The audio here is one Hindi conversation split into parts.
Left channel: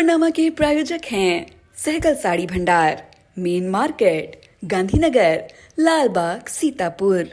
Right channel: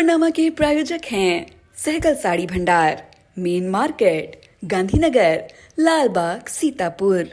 खबरनामा के प्रायोजक हैं सहगल साड़ी भंडार, मेन मार्केट, गांधीनगर, लालबाग, सीतापुर।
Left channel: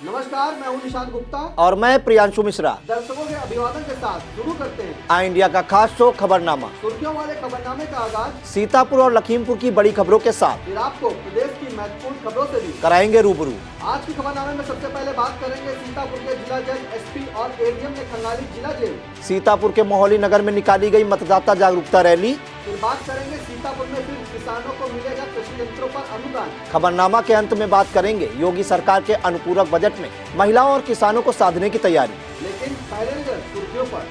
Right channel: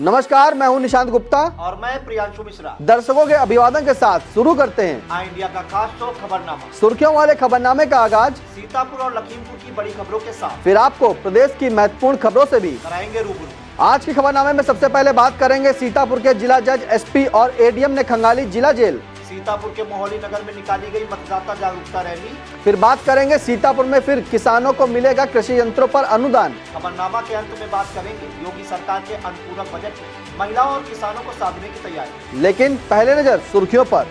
नमस्कार, मैं हूं निशांत गुप्ता और मैं प्रियांशु मिश्रा। दर्शकों के अभिवादन के साथ शुरू करते हैं आई इंडिया का खास शो खबरनामा। सुर्खियों वाले खबरनामे का आगाज सीतापुर और लखीमपुर की बड़ी खबरों के साथ, फिर आपको प्रदेश की महत्वपूर्ण खबरों से भी कराएंगे रूबरू। आज की खबरनामे में सबसे पहले बात करेंगे सीतापुर के जिला जज, एसपी और एडीएम ने खंगाली जिला जेल। सीतापुर के मोहली नगर में निकाली गई मतदाता जागरूकता रैली। फिर बात करेंगे सीतापुर में फिर किसानों को मिलेगा कृषि यंत्रों पर अनुदान। खबरनामा के अंत में बात करेंगे योगी सरकार के अनुपूरक बजट में महिलाओं और किसानों को साधने की तैयारी। लेकिन पहले नजर सुर्खियों पर।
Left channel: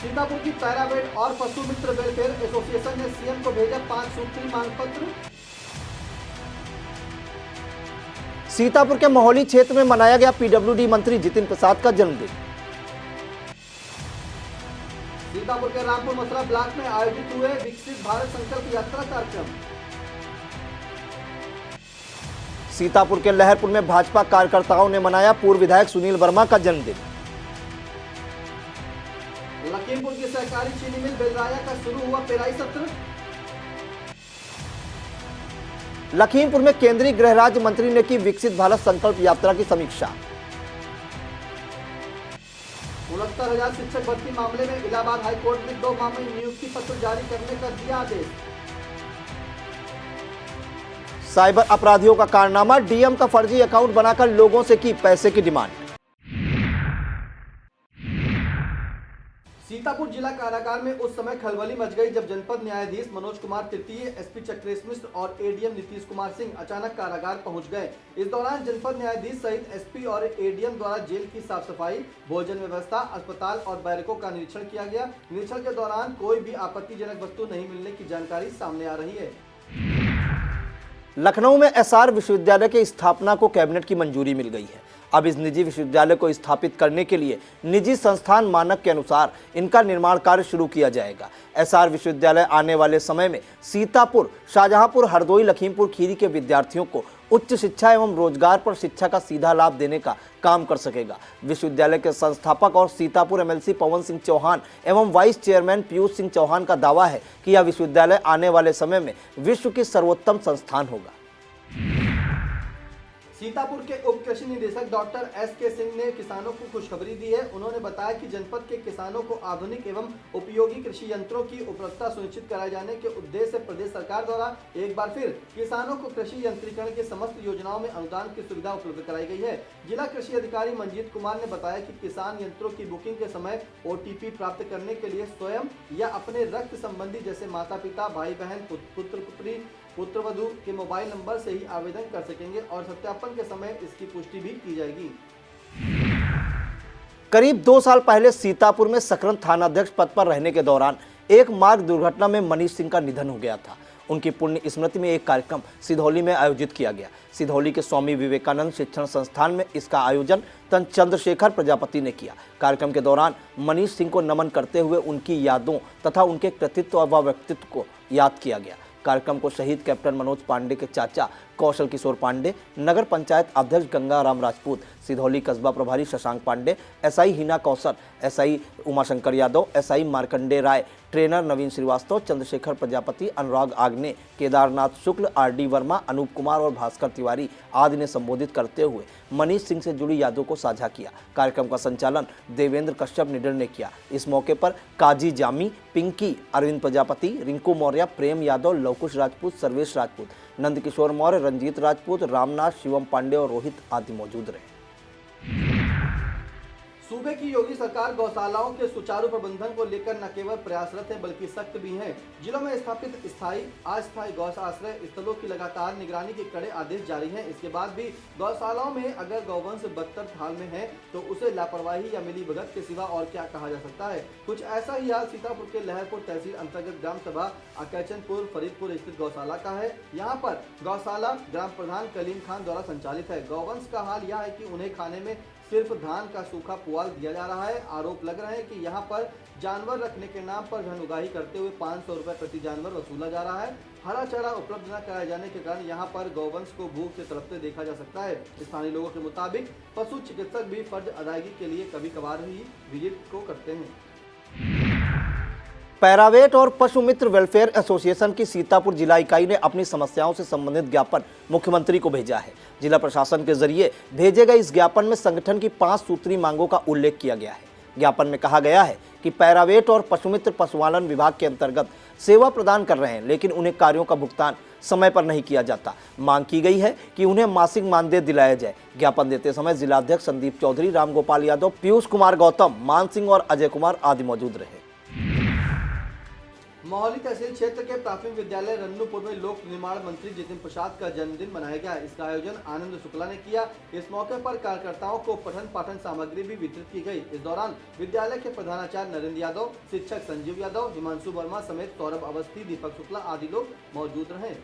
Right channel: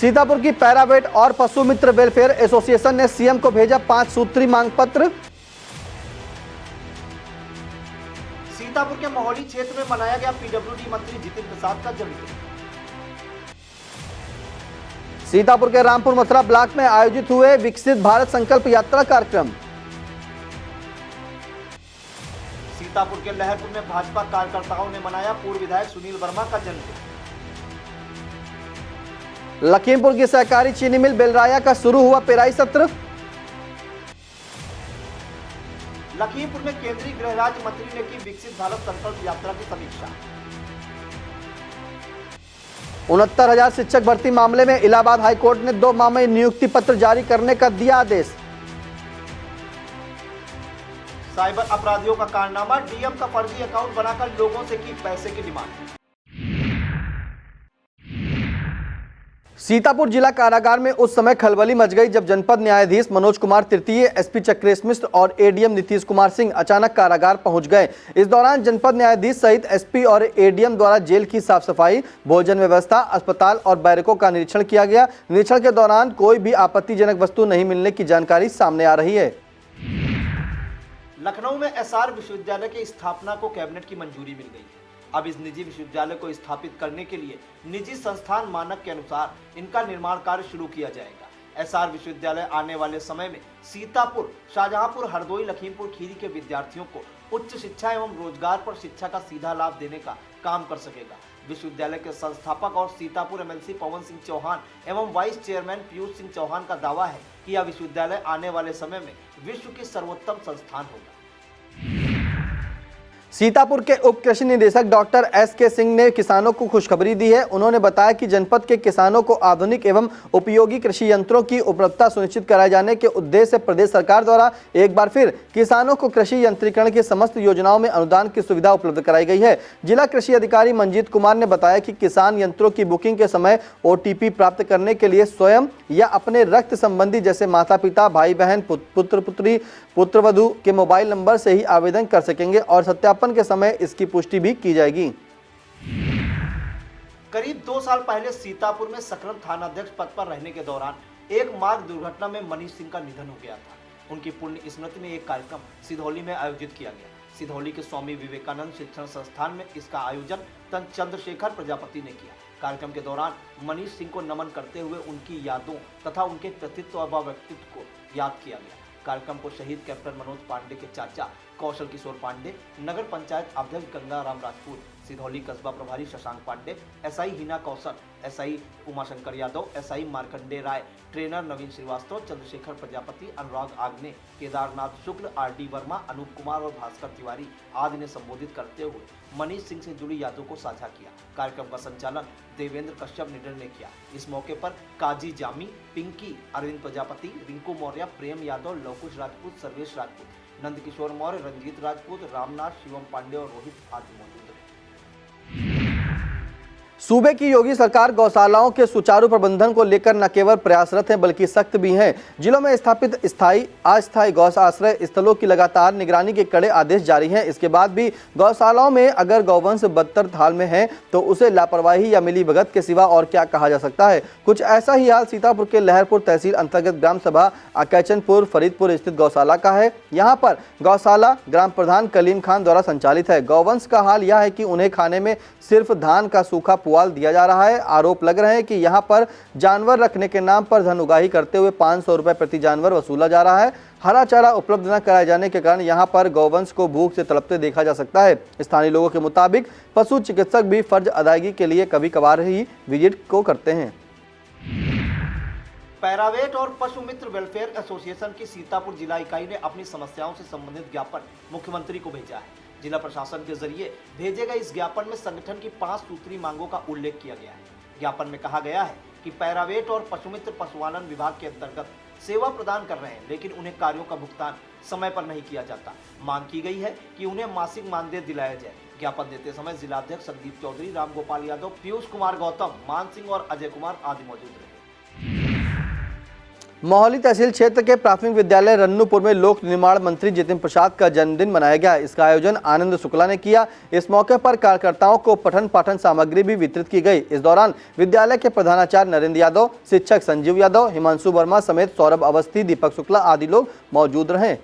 सीतापुर की पैरावेट और पशु मित्र वेलफेयर एसोसिएशन ने सीएम को भेजा 5 सूत्री मांग पत्र। सीतापुर के मोहली क्षेत्र में मनाया गया पीडब्ल्यूडी मंत्री जितिन प्रसाद का जन्मदिन। सीतापुर के रामपुर मथुरा ब्लॉक में आयोजित हुए विकसित भारत संकल्प यात्रा कार्यक्रम। सीतापुर के लहरपुर में भाजपा कार्यकर्ताओं ने मनाया पूर्व विधायक सुनील वर्मा का जन्मदिन। लखीमपुर की सहकारी चीनी मिल बेलराया का शुरू हुआ पेराई सत्र। लखीमपुर में केंद्रीय गृह राज्य मंत्री ने की विकसित भारत संकल्प यात्रा की समीक्षा। 69,000 शिक्षक भर्ती मामले में इलाहाबाद हाईकोर्ट ने 2 माह में नियुक्ति पत्र जारी करने का दिया आदेश। साइबर अपराधियों का कारनामा, डीएम का फर्जी अकाउंट बनाकर लोगों से की पैसे की डिमांड। सीतापुर जिला कारागार में उस समय खलबली मच गई जब जनपद न्यायाधीश मनोज कुमार तृतीय, एसपी चक्रेश मिश्र और एडीएम नीतीश कुमार सिंह अचानक कारागार पहुंच गए। इस दौरान जनपद न्यायाधीश सहित एसपी और एडीएम द्वारा जेल की साफ सफाई, भोजन व्यवस्था, अस्पताल और बैरकों का निरीक्षण किया गया। निरीक्षण के दौरान कोई भी आपत्तिजनक वस्तु नहीं मिलने की जानकारी सामने आ रही है। लखनऊ में एसआर विश्वविद्यालय की स्थापना को कैबिनेट की मंजूरी मिल गई है। अब इस निजी विश्वविद्यालय को स्थापित करने के लिए निजी संस्थान मानक के अनुसार इनका निर्माण कार्य शुरू किया जाएगा। एसआर विश्वविद्यालय आने वाले समय में सीतापुर, शाहजहांपुर, हरदोई, लखीमपुर खीरी के विद्यार्थियों को उच्च शिक्षा एवं रोजगार पर शिक्षा का सीधा लाभ देने का काम कर सकेगा। विश्वविद्यालय के संस्थापक और सीतापुर एमएलसी पवन सिंह चौहान एवं वाइस चेयरमैन पीयूष सिंह चौहान का दावा है कि यह विश्वविद्यालय आने वाले समय में विश्व की सर्वोत्तम संस्थान होगा। सीतापुर के उप कृषि निदेशक डॉक्टर एस.के. सिंह ने किसानों को खुशखबरी दी है। उन्होंने बताया कि जनपद के किसानों को आधुनिक एवं उपयोगी कृषि यंत्रों की उपलब्धता सुनिश्चित कराए जाने के उद्देश्य से प्रदेश सरकार द्वारा एक बार फिर किसानों को कृषि यंत्रीकरण की समस्त योजनाओं में अनुदान की सुविधा उपलब्ध कराई गई है। जिला कृषि अधिकारी मंजीत कुमार ने बताया कि किसान यंत्रों की बुकिंग के समय ओटीपी प्राप्त करने के लिए स्वयं या अपने रक्त संबंधी जैसे माता पिता, भाई बहन, पुत्र पुत्री, पुत्रवधू के मोबाइल नंबर से ही आवेदन कर सकेंगे और सत्यापन के समय इसकी पुष्टि भी की जाएगी। करीब 2 साल पहले सीतापुर में सकरन थानाध्यक्ष पद पर रहने के दौरान एक मार्ग दुर्घटना में मनीष सिंह का निधन हो गया था। उनकी पुण्य स्मृति में एक कार्यक्रम सिधौली में आयोजित किया गया। सिधौली के स्वामी विवेकानंद शिक्षण संस्थान में इसका आयोजन चंद्रशेखर प्रजापति ने किया। कार्यक्रम के दौरान मनीष सिंह को नमन करते हुए उनकी यादों तथा उनके कृतित्व व व्यक्तित्व को याद किया गया। कार्यक्रम को शहीद कैप्टन मनोज पांडे के चाचा कौशल किशोर पांडे, नगर पंचायत अध्यक्ष गंगाराम राजपूत, सिधौली कस्बा प्रभारी शशांक पांडे, एसआई हिना कौशल, एसआई उमाशंकर यादव, एसआई मार्कंडे राय, ट्रेनर नवीन श्रीवास्तव, चंद्रशेखर प्रजापति, अनुराग आग्ने, केदारनाथ शुक्ल, आरडी वर्मा, अनूप कुमार और भास्कर तिवारी आदि ने संबोधित करते हुए मनीष सिंह से जुड़ी यादों को साझा किया। कार्यक्रम का संचालन देवेंद्र कश्यप निडर ने किया। इस मौके पर काजी जामी, पिंकी, अरविंद प्रजापति, रिंकू मौर्य, प्रेम यादव, लवकुश राजपूत, सर्वेश राजपूत, नंदकिशोर मौर्य, रंजीत राजपूत, रामनाथ, शिवम पांडे और रोहित आदि मौजूद रहे। सूबे की योगी सरकार गौशालाओं के सुचारू प्रबंधन को लेकर न केवल प्रयासरत है बल्कि सख्त भी है। जिलों में स्थापित स्थायी अस्थायी गौ आश्रय स्थलों की लगातार निगरानी के कड़े आदेश जारी हैं। इसके बाद भी गौशालाओं में अगर गौवंश बदतर हाल में है तो उसे लापरवाही या मिलीभगत के सिवा और क्या कहा जा सकता है। कुछ ऐसा ही हाल सीतापुर के लहरपुर तहसील अंतर्गत ग्राम सभा अकैचनपुर फरीदपुर स्थित गौशाला का है। यहाँ पर गौशाला ग्राम प्रधान कलीम खान द्वारा संचालित है। गौवंश का हाल यह है कि उन्हें खाने में सिर्फ धान का सूखा पुआल दिया जा रहा है। आरोप लग रहे हैं कि यहाँ पर जानवर रखने के नाम पर धन उगाही करते हुए 500 रुपए प्रति जानवर वसूला जा रहा है। हरा चारा उपलब्ध न कराए जाने के कारण यहाँ पर गौवंश को भूख से तड़पते देखा जा सकता है। स्थानीय लोगों के मुताबिक पशु चिकित्सक भी फर्ज अदायगी के लिए कभी कभार ही विजिट को करते हैं। पैरावेट और पशु मित्र वेलफेयर एसोसिएशन की सीतापुर जिला इकाई ने अपनी समस्याओं से संबंधित ज्ञापन मुख्यमंत्री को भेजा है। जिला प्रशासन के जरिए भेजे गए इस ज्ञापन में संगठन की 5 सूत्री मांगों का उल्लेख किया गया है। ज्ञापन में कहा गया है कि पैरावेट और पशुमित्र पशुपालन विभाग के अंतर्गत सेवा प्रदान कर रहे हैं, लेकिन उन्हें कार्यों का भुगतान समय पर नहीं किया जाता। मांग की गई है कि उन्हें मासिक मानदेय दिलाया जाए। ज्ञापन देते समय जिलाध्यक्ष संदीप चौधरी, रामगोपाल यादव, पीयूष कुमार गौतम, मान सिंह और अजय कुमार आदि मौजूद रहे। मोहाली तहसील क्षेत्र के प्राथमिक विद्यालय रन्नूपुर में लोक निर्माण मंत्री जितिन प्रसाद का जन्मदिन मनाया गया। इसका आयोजन आनंद शुक्ला ने किया। इस मौके पर कार्यकर्ताओं को पठन पाठन सामग्री भी वितरित की गई। इस दौरान विद्यालय के प्रधानाचार्य नरेंद्र यादव, शिक्षक संजीव यादव, हिमांशु वर्मा समेत सौरभ अवस्थी, दीपक शुक्ला आदि लोग मौजूद रहे।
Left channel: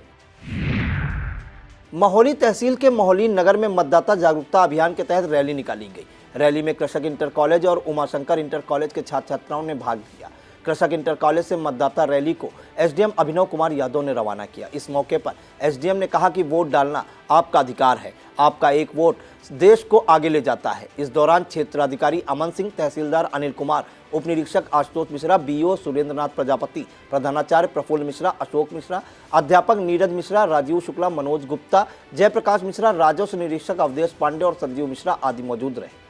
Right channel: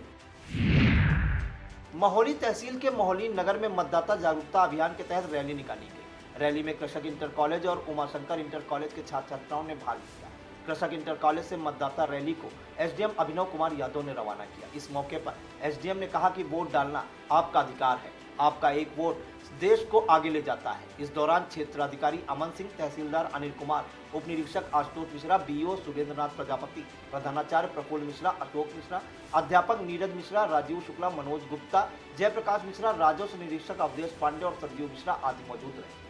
मोहाली तहसील के मोहाली नगर में मतदाता जागरूकता अभियान के तहत रैली निकाली गई। रैली में कृषक इंटर कॉलेज और उमाशंकर इंटर कॉलेज के छात्र छात्राओं ने भाग लिया। कृषक इंटर कॉलेज से मतदाता रैली को एसडीएम अभिनव कुमार यादव ने रवाना किया। इस मौके पर एसडीएम ने कहा कि वोट डालना आपका अधिकार है, आपका एक वोट देश को आगे ले जाता है। इस दौरान क्षेत्राधिकारी अमन सिंह, तहसीलदार अनिल कुमार, उप निरीक्षक आशुतोष मिश्रा, बीओ सुरेंद्रनाथ प्रजापति, प्रधानाचार्य प्रफुल्ल मिश्रा, अशोक मिश्रा, अध्यापक नीरज मिश्रा, राजीव शुक्ला, मनोज गुप्ता, जयप्रकाश मिश्रा, राजस्व निरीक्षक अवधेश पांडे और संजीव मिश्रा आदि मौजूद रहे।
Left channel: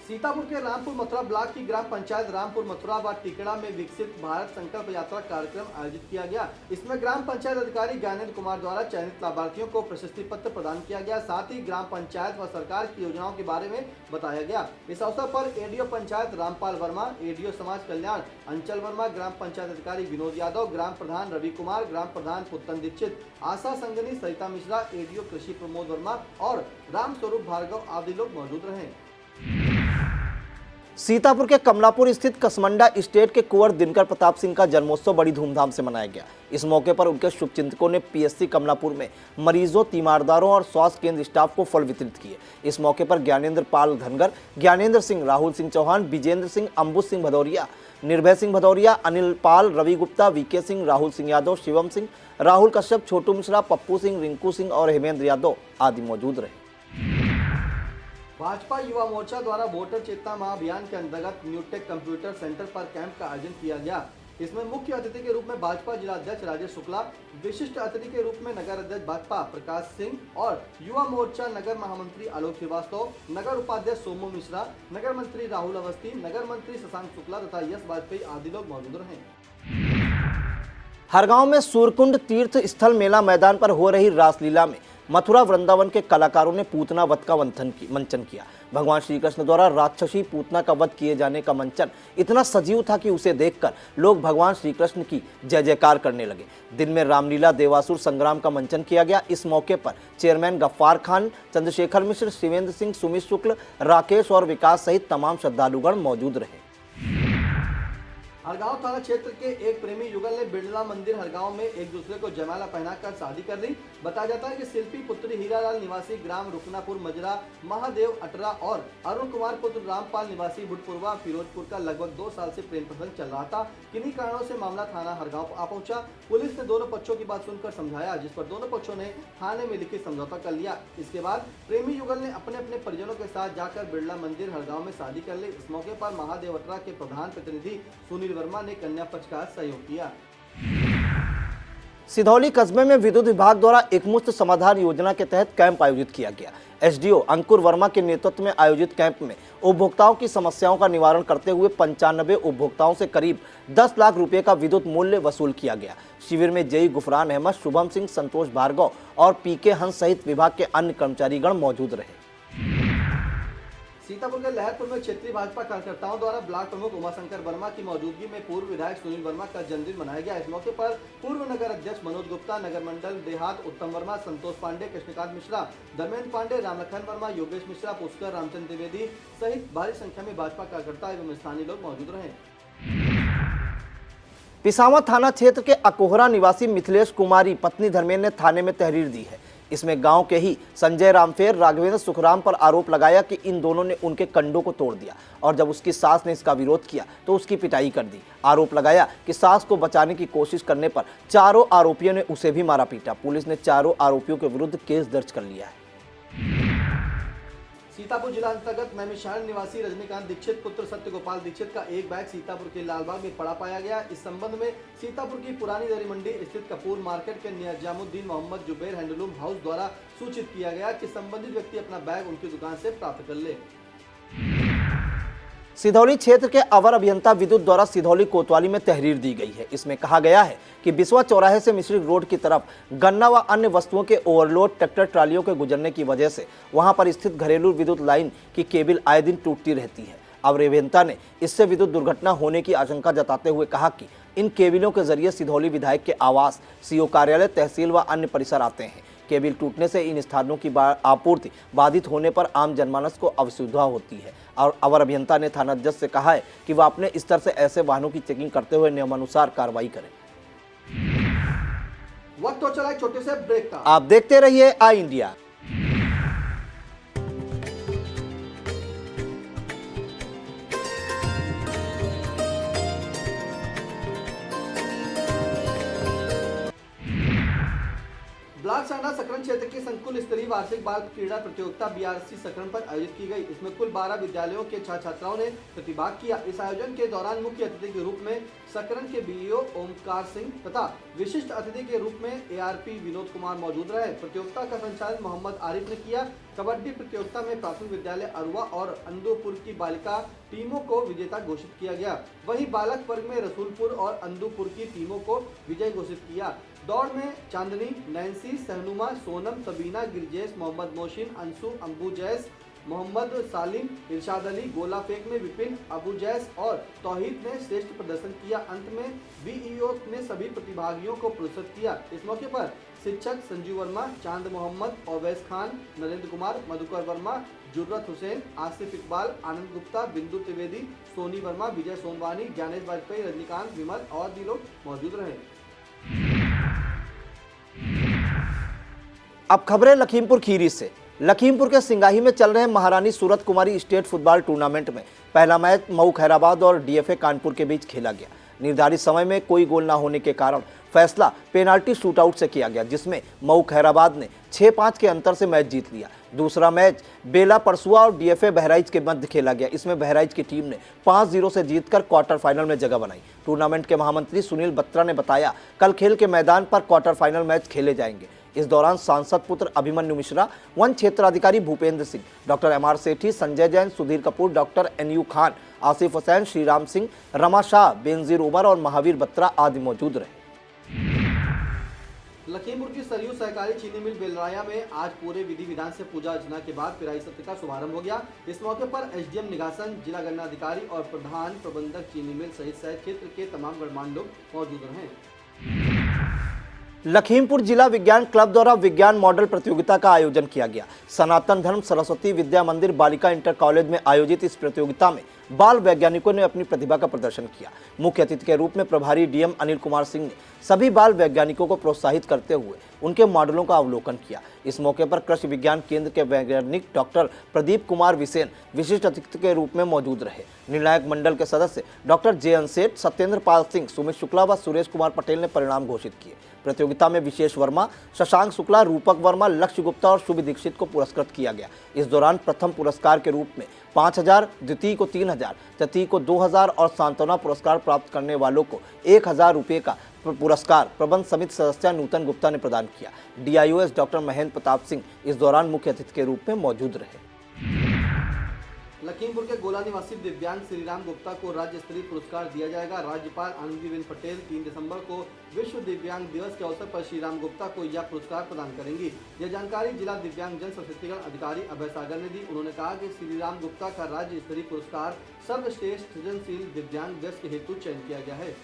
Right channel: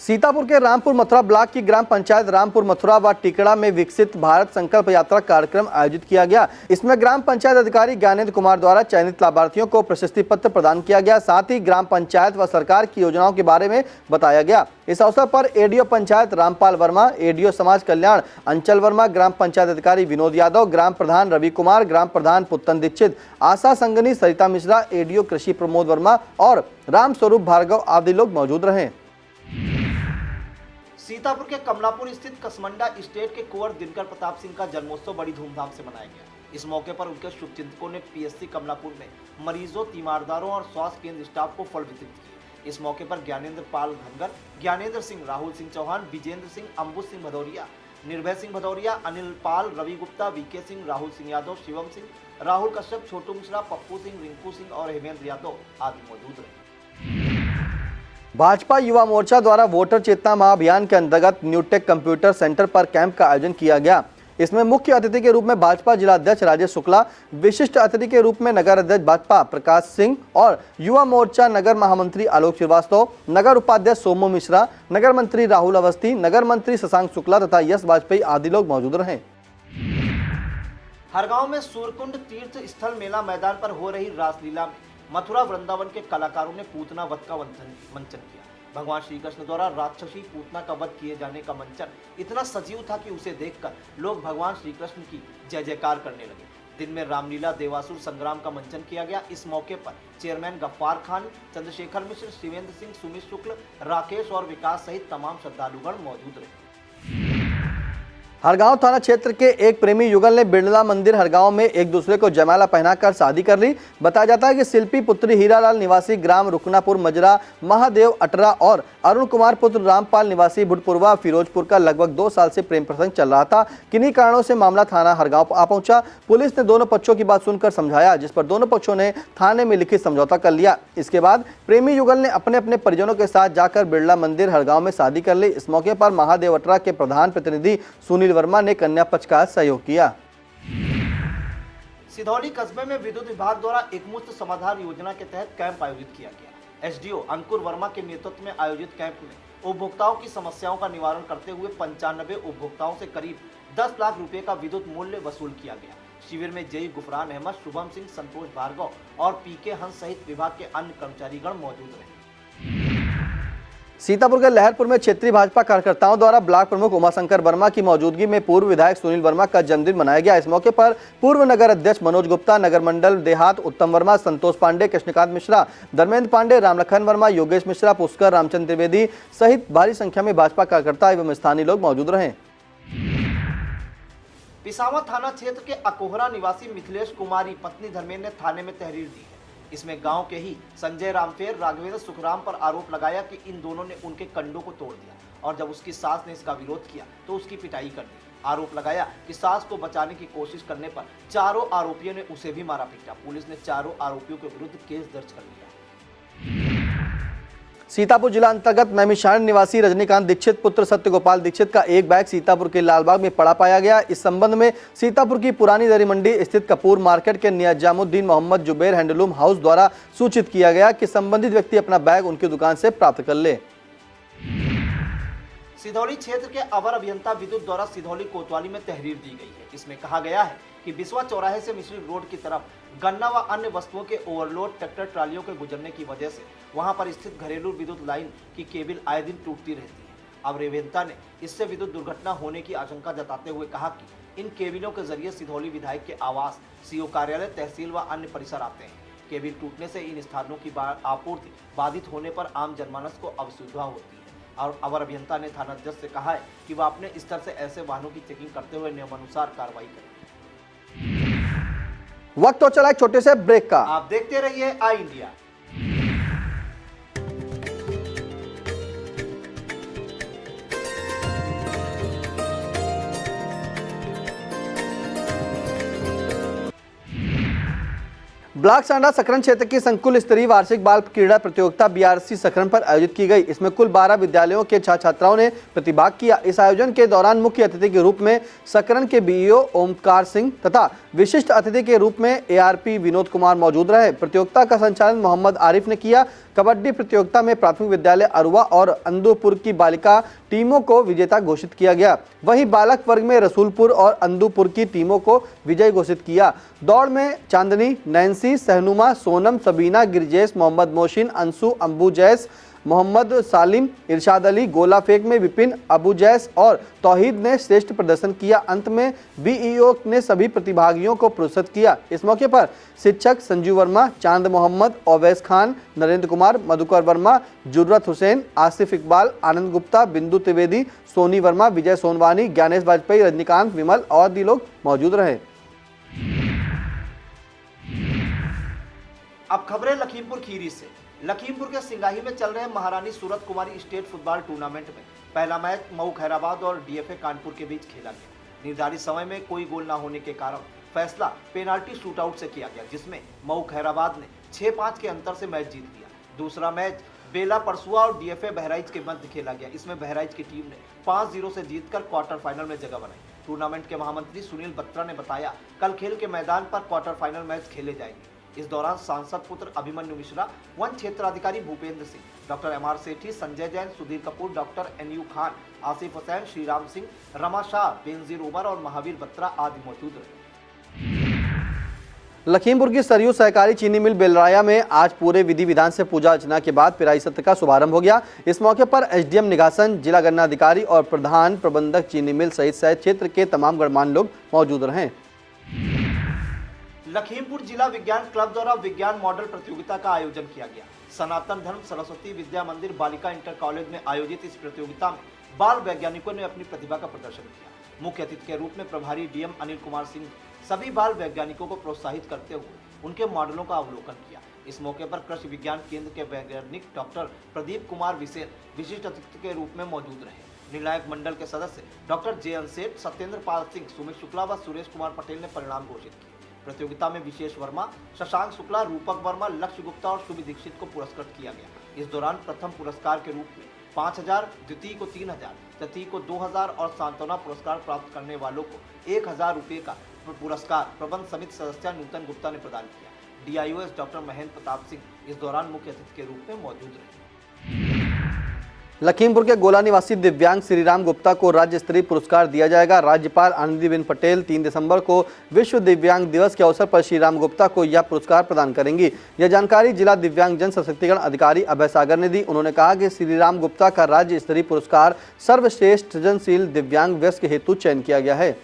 सीतापुर के रामपुर मथुरा ब्लॉक की ग्राम पंचायत रामपुर मथुरा व टिकड़ा में विकसित भारत संकल्प यात्रा कार्यक्रम आयोजित किया गया। इसमें ग्राम पंचायत अधिकारी ज्ञानेंद्र कुमार द्वारा चयनित लाभार्थियों को प्रशस्ति पत्र प्रदान किया गया। साथ ही ग्राम पंचायत व सरकार की योजनाओं के बारे में बताया गया। इस अवसर पर एडीओ पंचायत रामपाल वर्मा, एडीओ समाज कल्याण अंचल वर्मा, ग्राम पंचायत अधिकारी विनोद यादव, ग्राम प्रधान रवि कुमार, ग्राम प्रधान पुत्तन दीक्षित, आशा संगनी सरिता मिश्रा, एडीओ कृषि प्रमोद वर्मा और राम स्वरूप भार्गव आदि लोग मौजूद रहे। सीतापुर के कमलापुर स्थित कसमंडा स्टेट के कुंवर दिनकर प्रताप सिंह का जन्मोत्सव बड़ी धूमधाम से मनाया गया। इस मौके पर उनके शुभचिंतकों ने पीएससी कमलापुर में मरीजों, तीमारदारों और स्वास्थ्य केंद्र स्टाफ को फल वितरित किए। इस मौके पर ज्ञानेंद्र पाल धनगर, ज्ञानेंद्र सिंह, राहुल सिंह चौहान, विजेंद्र सिंह, अंबुज सिंह भदौरिया, निर्भय सिंह भदौरिया, अनिल पाल, रवि गुप्ता, वीके सिंह, राहुल सिंह यादव, शिवम सिंह, राहुल कश्यप, छोटू मिश्रा, पप्पू सिंह, रिंकू सिंह और हेमेंद्र यादव आदि मौजूद रहे। भाजपा युवा मोर्चा द्वारा वोटर चेतना महाअभियान के अंतर्गत न्यूटेक कंप्यूटर सेंटर पर कैंप का आयोजन किया गया। इसमें मुख्य अतिथि के रूप में भाजपा जिलाध्यक्ष राजेश शुक्ला, विशिष्ट अतिथि के रूप में नगर अध्यक्ष भाजपा प्रकाश सिंह और युवा मोर्चा नगर महामंत्री आलोक श्रीवास्तव, नगर उपाध्यक्ष सोमू मिश्रा, नगर मंत्री राहुल अवस्थी, नगर मंत्री शशांक शुक्ला तथा यश वाजपेयी आदि लोग मौजूद रहे। हरगांव में सूर्यकुंड तीर्थ स्थल मेला मैदान पर हो रही रासलीला में मथुरा वृंदावन के कलाकारों ने पूतना वध का मंचन किया। भगवान श्री कृष्ण द्वारा राक्षसी पूतना का वध किए जाने का मंचन इतना सजीव था कि उसे देखकर लोग भगवान श्री कृष्ण की जय जयकार करने लगे। दिन में रामलीला देवासुर संग्राम का मंचन किया गया। इस मौके पर चेयरमैन गफ्फार खान, चंद्रशेखर मिश्र, शिवेंद्र सिंह, सुमित शुक्ल, राकेश और विकास सहित तमाम श्रद्धालुगण मौजूद रहे। हरगांव थाना क्षेत्र के एक प्रेमी युगल ने बिरला मंदिर हरगांव में एक दूसरे को जयमाला पहनाकर शादी कर ली। बताया जाता है कि शिल्पी पुत्री हीरालाल निवासी ग्राम रुकनापुर मजरा, महादेव अटरा और अरुण कुमार पुत्र रामपाल निवासी भुटपुरवा फिरोजपुर का लगभग 2 साल से प्रेम प्रसंग चल रहा था। किन्हीं कारणों से मामला थाना हरगांव आ पहुंचा। पुलिस ने दोनों पक्षों की बात सुनकर समझाया, जिस पर दोनों पक्षों ने थाने में लिखित समझौता कर लिया। इसके बाद प्रेमी युगल ने अपने अपने परिजनों के साथ जाकर बिरला मंदिर हरगांव में शादी कर ली। इस मौके पर महादेव अटरा के प्रधान प्रतिनिधि सुनील वर्मा ने कन्या पक्ष का सहयोग किया। सिधौली कस्बे में विद्युत विभाग द्वारा एकमुश्त समाधान योजना के तहत कैंप आयोजित किया गया। एसडीओ अंकुर वर्मा के नेतृत्व में आयोजित कैंप में उपभोक्ताओं की समस्याओं का निवारण करते हुए 95 उपभोक्ताओं से करीब 10 लाख रुपए का विद्युत मूल्य वसूल किया गया। शिविर में जेई गुफरान अहमद, शुभम सिंह, संतोष भार्गव और पीके हंस सहित विभाग के अन्य कर्मचारीगण मौजूद रहे। सीतापुर के लहरपुर में क्षेत्रीय भाजपा कार्यकर्ताओं द्वारा ब्लॉक प्रमुख उमाशंकर वर्मा की मौजूदगी में पूर्व विधायक सुनील वर्मा का जन्मदिन मनाया गया। इस मौके पर पूर्व नगर अध्यक्ष मनोज गुप्ता, नगर मंडल देहात उत्तम वर्मा, संतोष पांडे, कृष्णकांत मिश्रा, धर्मेंद्र पांडे, रामलखन वर्मा, योगेश मिश्रा, पुष्कर, रामचंद्र त्रिवेदी सहित भारी संख्या में भाजपा कार्यकर्ता एवं स्थानीय लोग मौजूद रहे। पिसावा थाना क्षेत्र के अकोहरा निवासी मिथिलेश कुमारी पत्नी धर्मेंद्र ने थाने में तहरीर दी है। इसमें गांव के ही संजय रामफेर राघवेंद्र सुखराम पर आरोप लगाया कि इन दोनों ने उनके कंडों को तोड़ दिया और जब उसकी सास ने इसका विरोध किया तो उसकी पिटाई कर दी। आरोप लगाया कि सास को बचाने की कोशिश करने पर चारों आरोपियों ने उसे भी मारा पीटा। पुलिस ने चारों आरोपियों के विरुद्ध केस दर्ज कर लिया है। सीतापुर जिला अंतर्गत नैमिषारण्य निवासी रजनीकांत दीक्षित पुत्र सत्यगोपाल दीक्षित का एक बैग सीतापुर के लालबाग में पड़ा पाया गया। इस संबंध में सीतापुर की पुरानी दरी मंडी स्थित कपूर मार्केट के निजामुद्दीन मोहम्मद जुबैर हैंडलूम हाउस द्वारा सूचित किया गया कि संबंधित व्यक्ति अपना बैग उनकी दुकान से प्राप्त कर ले। सिधौली क्षेत्र के अवर अभियंता विद्युत द्वारा सिधौली कोतवाली में तहरीर दी गई है। इसमें कहा गया है कि बिस्वा चौराहे से मिश्री रोड की तरफ गन्ना व अन्य वस्तुओं के ओवरलोड ट्रैक्टर ट्रालियों के गुजरने की वजह से वहां पर स्थित घरेलू विद्युत लाइन की केबल आए दिन टूटती रहती है। अवर अभियंता ने इससे विद्युत दुर्घटना होने की आशंका जताते हुए कहा कि इन केबलों के जरिए सिधौली विधायक के आवास, सीओ कार्यालय, तहसील व अन्य परिसर आते हैं। केबल टूटने से इन स्थानों की आपूर्ति बाधित होने पर आम जनमानस को असुविधा होती है और अवर अभियंता ने थानाध्यक्ष से कहा है कि वह अपने स्तर से ऐसे वाहनों की चेकिंग करते हुए नियमानुसार कार्रवाई करें। वक्त तो चला एक छोटे से ब्रेक का। आप देखते रहिए आई इंडिया। ब्लॉक सांडा सकरन क्षेत्र की संकुल स्तरीय वार्षिक बाल क्रीड़ा प्रतियोगिता बीआरसी सकरन पर आयोजित की गई। इसमें कुल 12 विद्यालयों के छात्र छात्राओं ने प्रतिभाग किया। इस आयोजन के दौरान मुख्य अतिथि के रूप में सकरन के बीईओ ओमकार सिंह तथा विशिष्ट अतिथि के रूप में एआरपी विनोद कुमार मौजूद रहे। प्रतियोगिता का संचालन मोहम्मद आरिफ ने किया। कबड्डी प्रतियोगिता में प्राथमिक विद्यालय अरुआ और अंदूपुर की बालिका टीमों को विजेता घोषित किया गया। वहीं बालक वर्ग में रसूलपुर और अंदूपुर की टीमों को विजयी घोषित किया। दौड़ में चांदनी, नैन्सी, सहनुमा, सोनम, सबीना, गिरजेश, मोहम्मद मोशिन, अंशु, अंबू जैस, मोहम्मद सालिम, इरशाद अली, गोला फेंक में विपिन, अबू जैस और तौहीद ने श्रेष्ठ प्रदर्शन किया। अंत में बीईओ ने सभी प्रतिभागियों को पुरस्कृत किया। इस मौके पर शिक्षक संजीव वर्मा, चांद मोहम्मद, ओवैस खान, नरेंद्र कुमार, मधुकर वर्मा, जुर्रत हुसैन, आसिफ इकबाल, आनंद गुप्ता, बिंदु त्रिवेदी, सोनी वर्मा, विजय सोनवानी, ज्ञानेश वाजपेयी, रजनीकांत, विमल और भी लोग मौजूद रहे। अब खबरें लखीमपुर खीरी से। लखीमपुर के सिंगाही में चल रहे महारानी सूरत कुमारी स्टेट फुटबॉल टूर्नामेंट में पहला मैच मऊ खैराबाद और डीएफए कानपुर के बीच खेला गया। निर्धारित समय में कोई गोल न होने के कारण फैसला पेनाल्टी शूटआउट से किया गया, जिसमें मऊ खैराबाद ने 6-5 के अंतर से मैच जीत लिया। दूसरा मैच बेला परसुआ और डीएफए बहराइच के मध्य खेला गया। इसमें बहराइच की टीम ने 5-0 से जीतकर क्वार्टर फाइनल में जगह बनाई। टूर्नामेंट के महामंत्री सुनील बत्रा ने बताया, कल खेल के मैदान पर क्वार्टर फाइनल मैच खेले जाएंगे। इस दौरान सांसद पुत्र अभिमन्यु मिश्रा, वन क्षेत्राधिकारी भूपेंद्र सिंह, डॉक्टर एमआर सेठी, संजय जैन, सुधीर कपूर, डॉक्टर एनयू खान, आसिफ हुसैन, श्रीराम सिंह, रमा शाह, बेनजीर उमर और महावीर बत्रा आदि मौजूद रहे। लखीमपुर की सरयू सहकारी चीनी मिल बेलराया में आज पूरे विधि विधान से पूजा अर्चना के बाद पिराई सत्र का शुभारंभ हो गया। इस मौके पर एसडीएम निगासन, जिला गन्ना अधिकारी और प्रधान प्रबंधक चीनी मिल सहित शहर क्षेत्र के तमाम गणमान्य लोग मौजूद रहे। लखीमपुर जिला विज्ञान क्लब द्वारा विज्ञान मॉडल प्रतियोगिता का आयोजन किया गया। सनातन धर्म सरस्वती विद्या मंदिर बालिका इंटर कॉलेज में आयोजित इस प्रतियोगिता में बाल वैज्ञानिकों ने अपनी प्रतिभा का प्रदर्शन किया। मुख्य अतिथि के रूप में प्रभारी डीएम अनिल कुमार सिंह ने सभी बाल वैज्ञानिकों को प्रोत्साहित करते हुए उनके मॉडलों का अवलोकन किया। इस मौके पर कृषि विज्ञान केंद्र के वैज्ञानिक डॉक्टर प्रदीप कुमार विसेन विशिष्ट अतिथि के रूप में मौजूद रहे। निर्णायक मंडल के सदस्य डॉक्टर जे.एन. सेठ, सत्येंद्र पाल सिंह, सुमित शुक्ला व सुरेश कुमार पटेल ने परिणाम घोषित किए। प्रतियोगिता में विशेष वर्मा, शशांक शुक्ला, रूपक वर्मा, लक्ष्य गुप्ता और शुभ दीक्षित को पुरस्कृत किया गया। इस दौरान प्रथम पुरस्कार के रूप में 5,000, द्वितीय को 3,000, तृतीय को 2,000 और सांत्वना पुरस्कार प्राप्त करने वालों को 1,000 रुपये का पुरस्कार प्रबंध समिति सदस्य नूतन गुप्ता ने प्रदान किया। डीआईओएस डॉक्टर महेंद्र प्रताप सिंह इस दौरान मुख्य अतिथि के रूप में मौजूद रहे। लखीमपुर के गोला निवासी दिव्यांग श्रीराम गुप्ता को राज्य स्तरीय पुरस्कार दिया जाएगा। राज्यपाल आनंदीबेन पटेल 3 दिसंबर को विश्व दिव्यांग दिवस के अवसर पर श्रीराम गुप्ता को यह पुरस्कार प्रदान करेंगी। यह जानकारी जिला दिव्यांग जन सशक्तिकरण अधिकारी अभय सागर ने दी। उन्होंने कहा कि श्रीराम गुप्ता का राज्य स्तरीय पुरस्कार सर्वश्रेष्ठ सृजनशील दिव्यांग व्यक्ति के हेतु चयन किया गया है।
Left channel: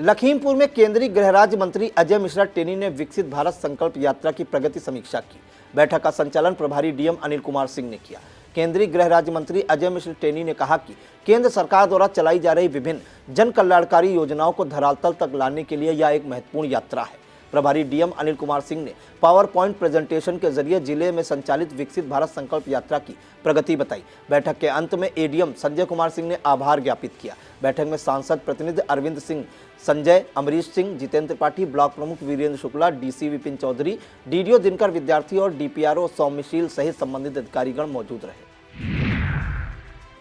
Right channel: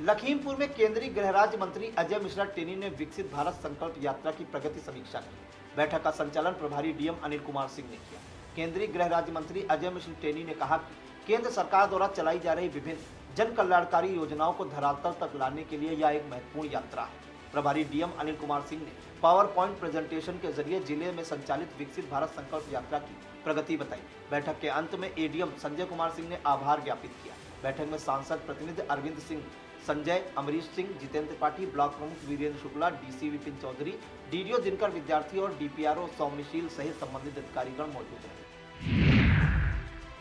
लखीमपुर में केंद्रीय गृह राज्य मंत्री अजय मिश्रा टेनी ने विकसित भारत संकल्प यात्रा की प्रगति समीक्षा की। बैठक का संचालन प्रभारी डीएम अनिल कुमार सिंह ने किया। केंद्रीय गृह राज्य मंत्री अजय मिश्रा टेनी ने कहा कि केंद्र सरकार द्वारा चलाई जा रही विभिन्न जन कल्याणकारी योजनाओं को धरातल तक लाने के लिए यह एक महत्वपूर्ण यात्रा है। प्रभारी डीएम अनिल कुमार सिंह ने पावर पॉइंट प्रेजेंटेशन के जरिए जिले में संचालित विकसित भारत संकल्प यात्रा की प्रगति बताई। बैठक के अंत में एडीएम संजय कुमार सिंह ने आभार ज्ञापित किया। बैठक में सांसद प्रतिनिधि अरविंद सिंह, संजय, अमरीश सिंह, जितेंद्र त्रिपाठी, ब्लॉक प्रमुख वीरेंद्र शुक्ला, डीसी विपिन चौधरी, डीडीओ दिनकर विद्यार्थी और डीपीआरओ सौम्यशील सहित संबंधित अधिकारीगण मौजूद रहे।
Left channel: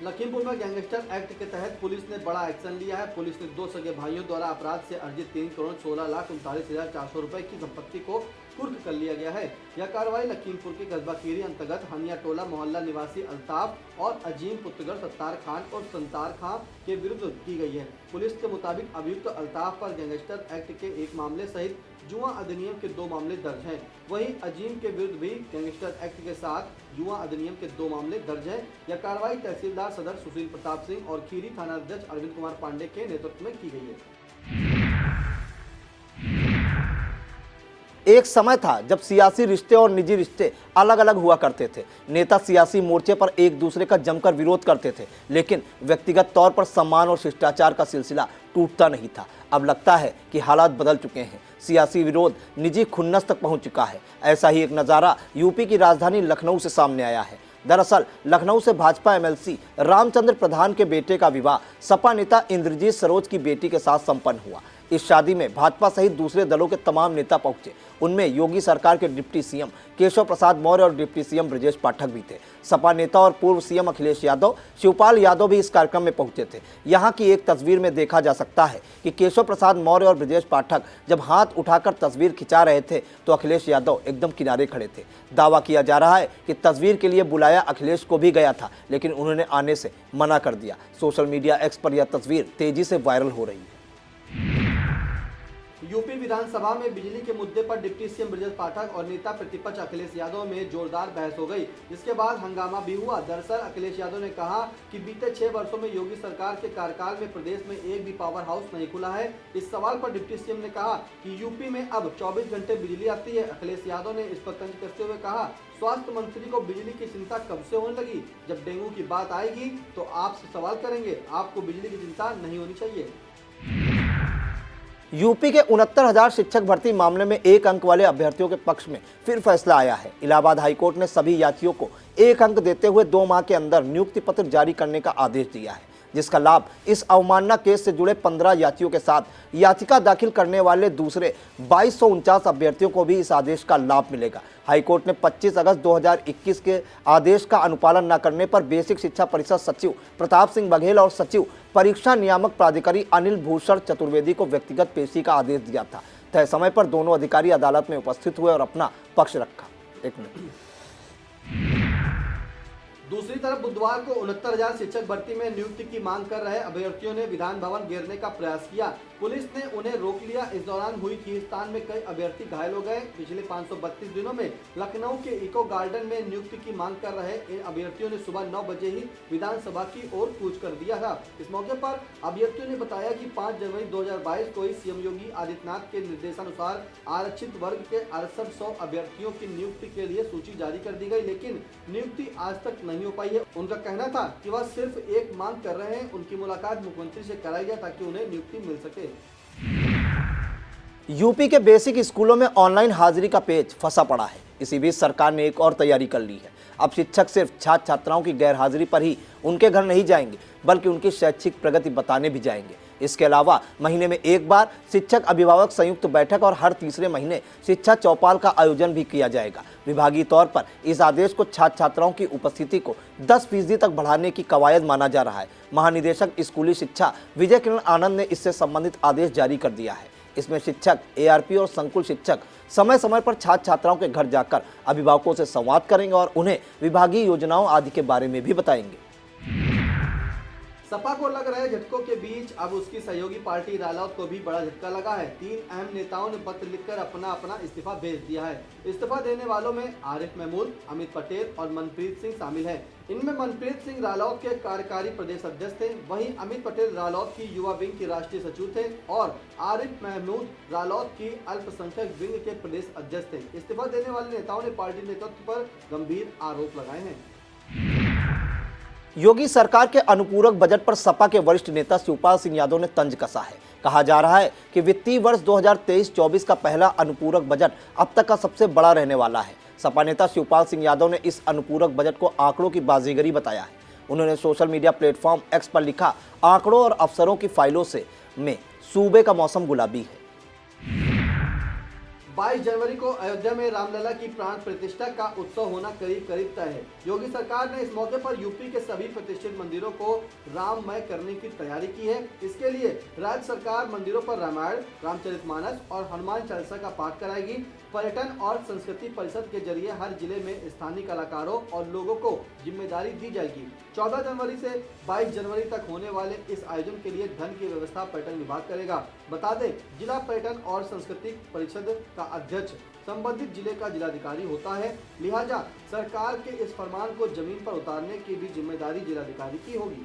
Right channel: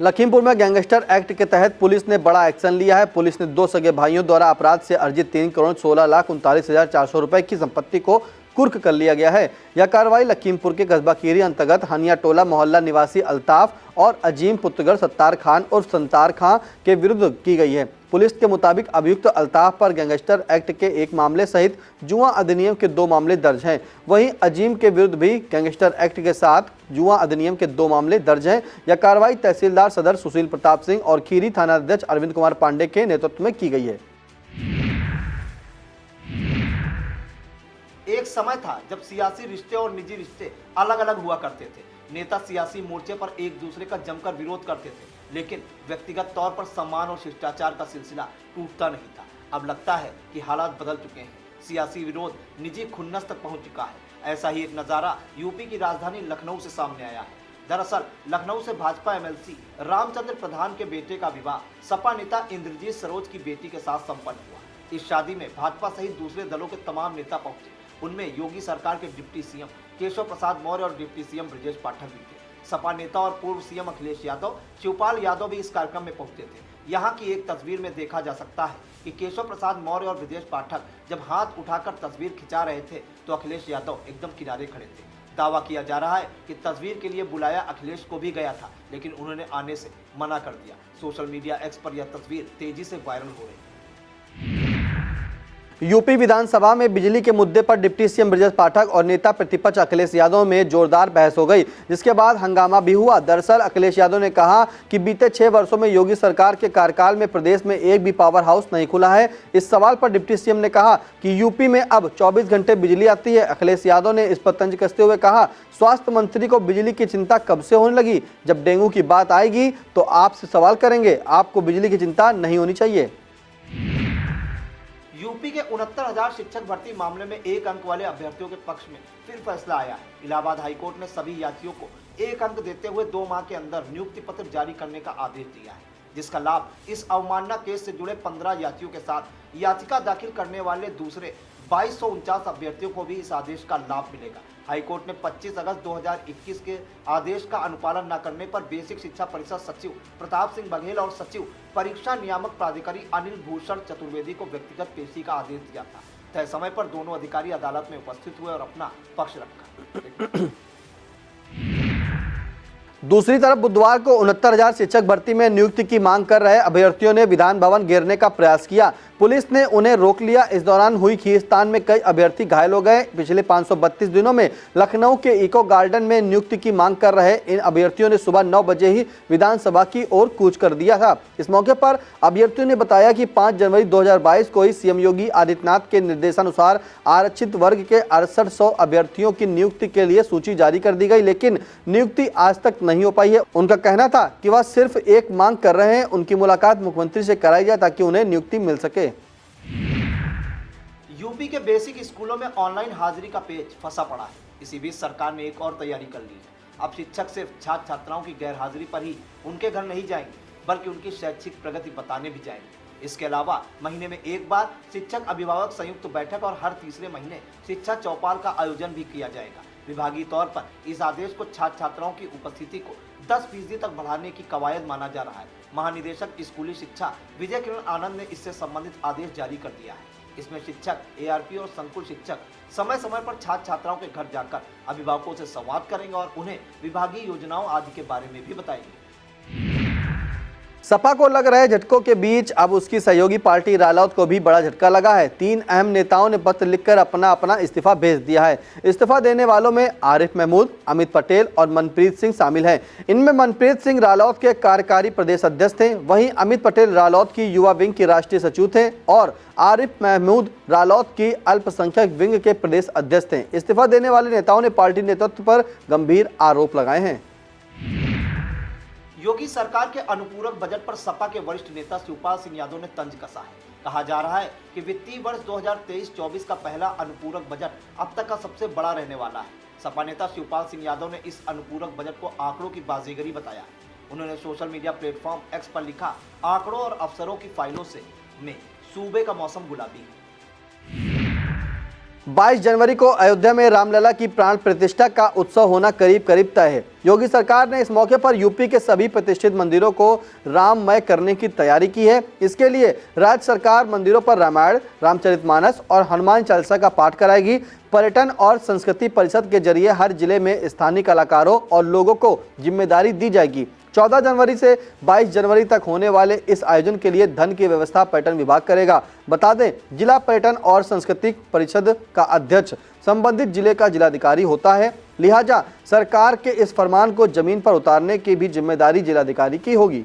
लखीमपुर में गैंगस्टर एक्ट के तहत पुलिस ने बड़ा एक्शन लिया है। पुलिस ने 2 सगे भाइयों द्वारा अपराध से अर्जित 3,16,39,400 रुपए की संपत्ति को कुर्क कर लिया गया है। यह कार्रवाई लखीमपुर के कस्बा खीरी अंतर्गत हनिया टोला मोहल्ला निवासी अल्ताफ और अजीम पुत्रगढ़ सत्तार खान और संतार खां के विरुद्ध की गई है। पुलिस के मुताबिक अभियुक्त अल्ताफ पर गैंगस्टर एक्ट के 1 मामले सहित जुआ अधिनियम के 2 मामले दर्ज हैं। वहीं अजीम के विरुद्ध भी गैंगस्टर एक्ट के साथ जुआ अधिनियम के 2 मामले दर्ज हैं। यह कार्रवाई तहसीलदार सदर सुशील प्रताप सिंह और खीरी थाना अध्यक्ष अरविंद कुमार पांडे के नेतृत्व में की गई है। एक समय था जब सियासी रिश्ते और निजी रिश्ते अलग अलग हुआ करते थे। नेता सियासी मोर्चे पर एक दूसरे का जमकर विरोध करते थे, लेकिन व्यक्तिगत तौर पर सम्मान और शिष्टाचार का सिलसिला टूटता नहीं था। अब लगता है कि हालात बदल चुके हैं। सियासी विरोध निजी खुन्नस तक पहुंच चुका है। ऐसा ही एक नज़ारा यूपी की राजधानी लखनऊ से सामने आया है। दरअसल लखनऊ से भाजपा एमएलसी रामचंद्र प्रधान के बेटे का विवाह सपा नेता इंद्रजीत सरोज की बेटी के साथ संपन्न हुआ। इस शादी में भाजपा सहित दूसरे दलों के तमाम नेता पहुंचे। उनमें योगी सरकार के डिप्टी सीएम केशव प्रसाद मौर्य और डिप्टी सीएम ब्रजेश पाठक भी थे। सपा नेता और पूर्व सीएम अखिलेश यादव, शिवपाल यादव भी इस कार्यक्रम में पहुंचे थे। यहां की एक तस्वीर में देखा जा सकता है कि केशव प्रसाद मौर्य और ब्रजेश पाठक जब हाथ उठाकर तस्वीर खिंचा रहे थे तो अखिलेश यादव एकदम किनारे खड़े थे। दावा किया जा रहा है कि तस्वीर के लिए बुलाया अखिलेश को भी गया था, लेकिन उन्होंने आने से मना कर दिया। सोशल मीडिया एक्स पर यह तस्वीर तेजी से वायरल हो रही है। यूपी विधानसभा में बिजली के मुद्दे पर डिप्टी सीएम ब्रजेश पाठक और नेता प्रतिपक्ष अखिलेश यादव में जोरदार बहस हो गई, जिसके बाद हंगामा भी हुआ। दरअसल अखिलेश यादव ने कहा कि बीते 6 वर्षों में योगी सरकार के कार्यकाल में प्रदेश में एक भी पावर हाउस नहीं खुला है। इस सवाल पर डिप्टी सीएम ने कहा कि यूपी में अब 24 घंटे बिजली आती है। अखिलेश यादव ने इस पर तंज कसते हुए कहा, स्वास्थ्य मंत्री को बिजली की चिंता कब से होने लगी? जब डेंगू की बात आएगी तो आपसे सवाल करेंगे, आपको बिजली की चिंता नहीं होनी चाहिए। यूपी के 69,000 शिक्षक भर्ती मामले में 1 अंक वाले अभ्यर्थियों के पक्ष में फिर फैसला आया है। इलाहाबाद हाईकोर्ट ने सभी याचियों को 1 अंक देते हुए 2 माह के अंदर नियुक्ति पत्र जारी करने का आदेश दिया है, जिसका लाभ इस अवमानना केस से जुड़े 15 याचियों के साथ याचिका दाखिल करने वाले दूसरे 2249 अभ्यर्थियों को भी इस आदेश का लाभ मिलेगा। हाईकोर्ट ने 25 अगस्त 2021 के आदेश का अनुपालन न करने पर बेसिक शिक्षा परिषद सचिव प्रताप सिंह बघेल और सचिव परीक्षा नियामक प्राधिकारी अनिल भूषण चतुर्वेदी को व्यक्तिगत पेशी का आदेश दिया था। तय समय पर दोनों अधिकारी अदालत में उपस्थित हुए और अपना पक्ष रखा। दूसरी तरफ बुधवार को 69,000 शिक्षक भर्ती में नियुक्ति की मांग कर रहे अभ्यर्थियों ने विधान भवन घेरने का प्रयास किया। पुलिस ने उन्हें रोक लिया। इस दौरान हुई खींचतान में कई अभ्यर्थी घायल हो गए। पिछले 532 दिनों में लखनऊ के इको गार्डन में नियुक्ति की मांग कर रहे इन अभ्यर्थियों ने सुबह 9 बजे ही विधानसभा की ओर कूच कर दिया था। इस मौके पर अभ्यर्थियों ने बताया कि 5 जनवरी 2022 को ही सीएम योगी आदित्यनाथ के निर्देशानुसार आरक्षित वर्ग के 6800 अभ्यर्थियों की नियुक्ति के लिए सूची जारी कर दी गई, लेकिन नियुक्ति आज तक नहीं हो पाई है। उनका कहना था कि वह सिर्फ एक मांग कर रहे हैं, उनकी मुलाकात मुख्यमंत्री से कराई जाए ताकि उन्हें नियुक्ति मिल सके। यूपी के बेसिक स्कूलों में ऑनलाइन हाजिरी का पेच फंसा पड़ा है। इसी बीच सरकार ने एक और तैयारी कर ली है। अब शिक्षक सिर्फ छात्र छात्राओं की गैर हाजिरी पर ही उनके घर नहीं जाएंगे, बल्कि उनकी शैक्षिक प्रगति बताने भी जाएंगे। इसके अलावा महीने में एक बार शिक्षक अभिभावक संयुक्त बैठक और हर तीसरे महीने शिक्षा चौपाल का आयोजन भी किया जाएगा। विभागीय तौर पर इस आदेश को छात्र छात्राओं की उपस्थिति को 10% तक बढ़ाने की कवायद माना जा रहा है। महानिदेशक स्कूली शिक्षा विजय किरण आनंद ने इससे संबंधित आदेश जारी कर दिया है। इसमें शिक्षक, एआरपी और संकुल शिक्षक समय समय पर छात्र छात्राओं के घर जाकर अभिभावकों से संवाद करेंगे और उन्हें विभागीय योजनाओं आदि के बारे में भी बताएंगे। सपा को लग रहे झटकों के बीच अब उसकी सहयोगी पार्टी रालोद को भी बड़ा झटका लगा है। 3 अहम नेताओं ने पत्र लिखकर अपना अपना इस्तीफा भेज दिया है। इस्तीफा देने वालों में आरिफ महमूद, अमित पटेल और मनप्रीत सिंह शामिल हैं। इनमें मनप्रीत सिंह रालोद के कार्यकारी प्रदेश अध्यक्ष थे, वहीं अमित पटेल रालोद की युवा विंग के राष्ट्रीय सचिव थे और आरिफ महमूद रालोद की अल्पसंख्यक विंग के प्रदेश अध्यक्ष थे। इस्तीफा देने वाले नेताओं ने पार्टी नेतृत्व पर गंभीर आरोप लगाए हैं। योगी सरकार के अनुपूरक बजट पर सपा के वरिष्ठ नेता शिवपाल सिंह यादव ने तंज कसा है। कहा जा रहा है कि वित्तीय वर्ष 2023-24 का पहला अनुपूरक बजट अब तक का सबसे बड़ा रहने वाला है। सपा नेता शिवपाल सिंह यादव ने इस अनुपूरक बजट को आंकड़ों की बाजीगरी बताया है। उन्होंने सोशल मीडिया प्लेटफॉर्म एक्स पर लिखा, आंकड़ों और अफसरों की फाइलों से में सूबे का मौसम गुलाबी है। 22 जनवरी को अयोध्या में रामलला की प्राण प्रतिष्ठा का उत्सव होना करीब करीब तय है। योगी सरकार ने इस मौके पर यूपी के सभी प्रतिष्ठित मंदिरों को राममय करने की तैयारी की है। इसके लिए राज्य सरकार मंदिरों पर रामायण, रामचरितमानस और हनुमान चालीसा का पाठ कराएगी। पर्यटन और संस्कृति परिषद के जरिए हर जिले में स्थानीय कलाकारों और लोगों को जिम्मेदारी दी जाएगी। 14 जनवरी से 22 जनवरी तक होने वाले इस आयोजन के लिए धन की व्यवस्था पर्यटन विभाग करेगा। बता दें, जिला पर्यटन और सांस्कृतिक परिषद का अध्यक्ष संबंधित जिले का जिलाधिकारी होता है, लिहाजा सरकार के इस फरमान को जमीन पर उतारने की भी जिम्मेदारी जिलाधिकारी की होगी।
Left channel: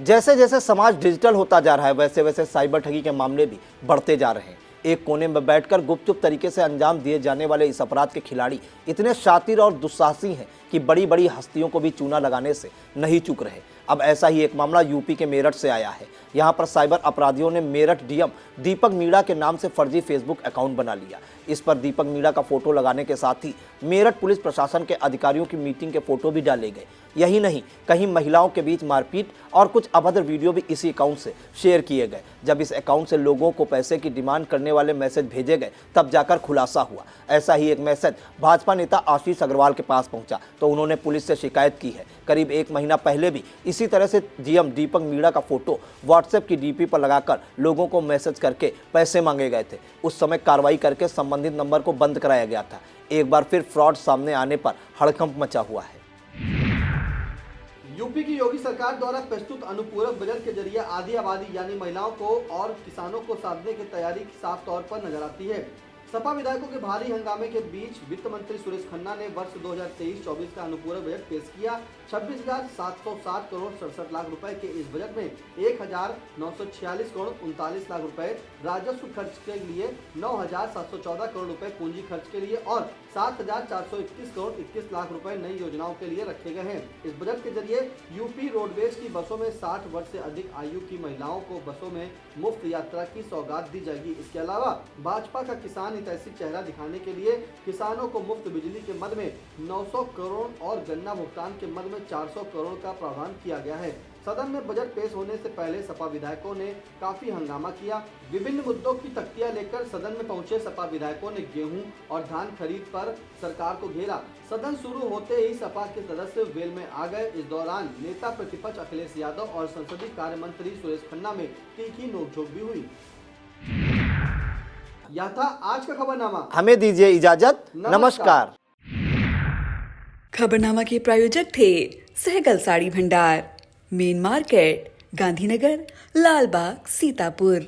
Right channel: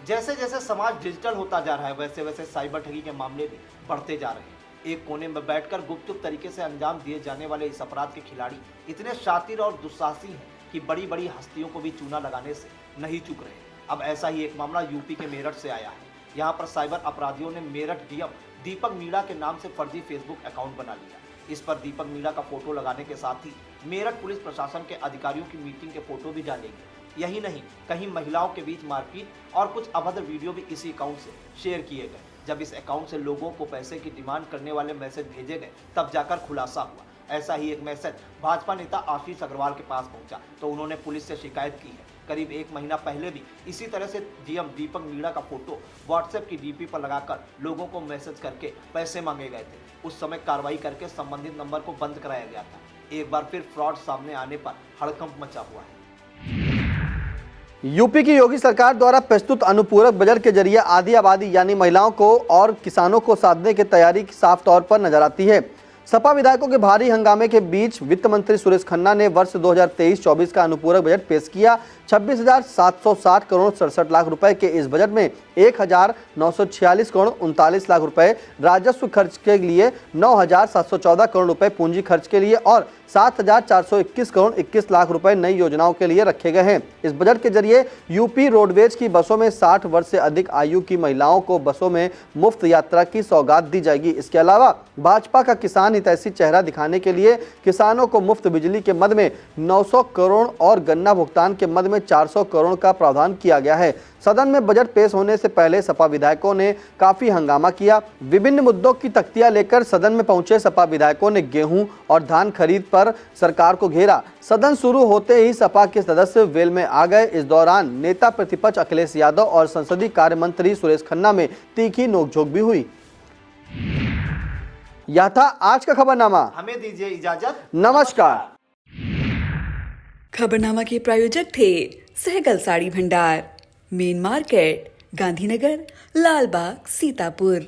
जैसे जैसे समाज डिजिटल होता जा रहा है, वैसे वैसे साइबर ठगी के मामले भी बढ़ते जा रहे हैं। एक कोने में बैठकर गुपचुप तरीके से अंजाम दिए जाने वाले इस अपराध के खिलाड़ी इतने शातिर और दुस्साहसी हैं कि बड़ी बड़ी हस्तियों को भी चूना लगाने से नहीं चूक रहे। अब ऐसा ही एक मामला यूपी के मेरठ से आया है। यहाँ पर साइबर अपराधियों ने मेरठ डीएम दीपक मीणा के नाम से फर्जी फेसबुक अकाउंट बना लिया। इस पर दीपक मीणा का फोटो लगाने के साथ ही मेरठ पुलिस प्रशासन के अधिकारियों की मीटिंग के फोटो भी डाले गए। यही नहीं, कहीं महिलाओं के बीच मारपीट और कुछ अभद्र वीडियो भी इसी अकाउंट से शेयर किए गए। जब इस अकाउंट से लोगों को पैसे की डिमांड करने वाले मैसेज भेजे गए, तब जाकर खुलासा हुआ। ऐसा ही एक मैसेज भाजपा नेता आशीष अग्रवाल के पास पहुंचा तो उन्होंने पुलिस से शिकायत की है। करीब 1 महीना पहले भी इसी तरह से डीएम दीपक मीणा का फोटो व्हाट्सएप की डीपी पर लगाकर लोगों को मैसेज करके पैसे मांगे गए थे। उस समय कार्रवाई करके संबंधित नंबर को बंद कराया गया था। एक बार फिर फ्रॉड सामने आने पर हड़कंप मचा हुआ है। यूपी की योगी सरकार द्वारा प्रस्तुत अनुपूरक बजट के जरिए आधी आबादी यानी महिलाओं को और किसानों को साधने की तैयारी साफ तौर पर नजर आती है। सपा विधायकों के भारी हंगामे के बीच वित्त मंत्री सुरेश खन्ना ने वर्ष 2023-24 का अनुपूरक बजट पेश किया। 26,760 करोड़ 67 लाख रुपए के इस बजट में 1,946 करोड़ 39 लाख रुपए राजस्व खर्च के लिए, 9,714 करोड़ रुपए पूंजी खर्च के लिए और 7,421 करोड़ 21 लाख रुपए नई योजनाओं के लिए रखे गए हैं। इस बजट के जरिए यूपी रोडवेज की बसों में 60 वर्ष से अधिक आयु की महिलाओं को बसों में मुफ्त यात्रा की सौगात दी जाएगी। इसके अलावा भाजपा का किसान हितैषी चेहरा दिखाने के लिए किसानों को मुफ्त बिजली के मद में 900 करोड़ और गन्ना भुगतान के मद में 400 करोड़ का प्रावधान किया गया है। सदन में बजट पेश होने से पहले सपा विधायकों ने काफी हंगामा किया। विभिन्न मुद्दों की तख्तियां लेकर सदन में पहुंचे सपा विधायकों ने गेहूं और धान खरीद पर सरकार को घेरा। सदन शुरू होते ही सपा के सदस्य वेल में आ गए। इस दौरान नेता प्रतिपक्ष अखिलेश यादव और संसदीय कार्य मंत्री सुरेश खन्ना में तीखी नोकझोंक भी हुई। यह था आज का खबरनामा। हमें दीजिए इजाजत। नमस्कार। खबरनामा के प्रायोजक थे सहगल साड़ी भंडार, मेन मार्केट, गांधीनगर, लालबाग, सीतापुर।